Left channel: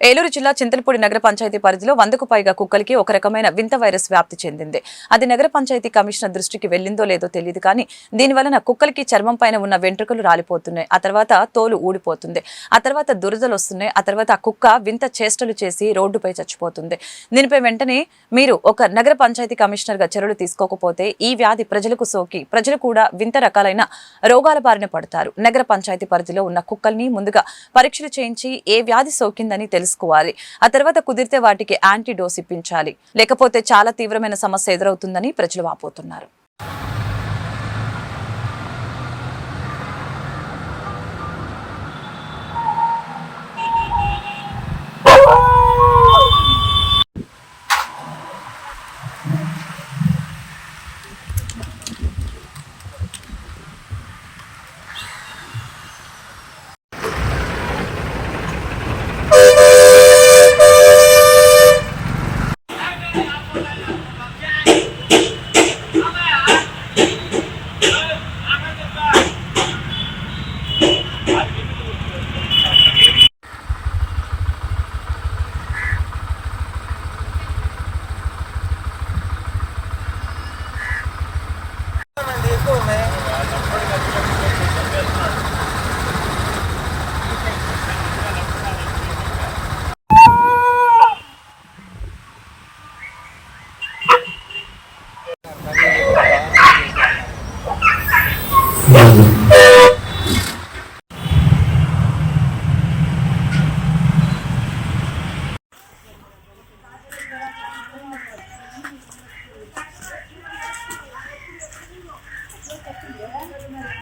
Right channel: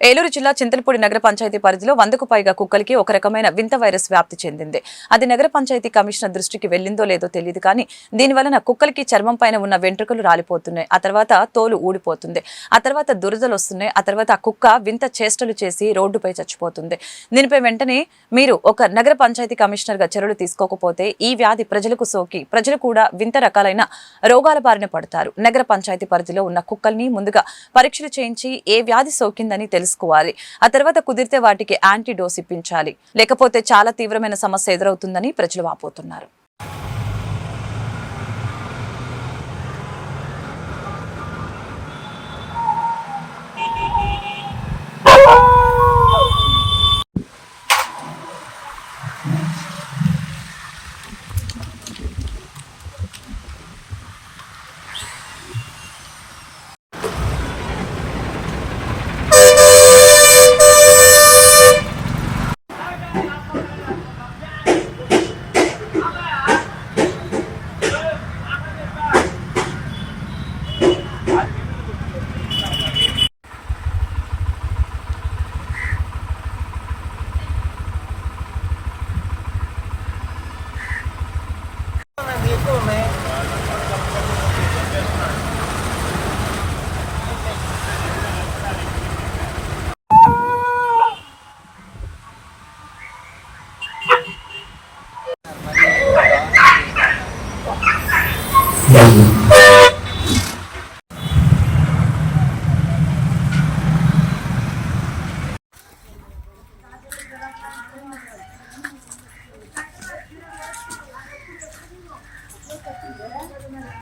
ఏలూరు జిల్లా చింతలపూడి నగర పంచాయతీ పరిధిలో 100కు పైగా కుక్కలకి ఒక రకమైన వింత వైరస్ వ్యాప్తి చెందింది. అది నగర పంచాయతీ కమిషనర్ దృష్టికి వెళ్లిందో లేదో తెలియదు కానీ దీనివలన కుక్కలకి చర్మం పైన ఉన్న వెంట్రుకలు రాలిపోతున్నాయి. ఆ తర్వాత తోలు ఊడిపోతుంది. ఆ తర్వాత దురదలు వస్తున్నాయి. ఆ తర్వాత ఆ కుక్క వింత చేష్టలు చేసి రోడ్డుపై చచ్చిపోతుంది. దీనిపై వెంటనే మీరు ఒక నగర పంచాయతీ కమిషనర్ గా చర్యలు తీసుకోకపోతే ఈ వ్యాధి ప్రజలకు సోకి ప్రజలు కూడా వింత రకాలైన రోగాల బారిన పడతారు. నగర పంచాయతీ పరిధిలో ఉన్న కుక్కల్ని ముందుగా పరీక్షలు చేయించి ఏ వ్యాధి సోకిందని తెలుసుకోవాలి. ఆ తర్వాత కుదిరితే వాటికి యాంటీడోస్ ఇప్పించాలి. లేకపోతే చాలా తీవ్రమైన సమస్య ఎదురవుతుందని ప్రజలు వాపోతున్నారు.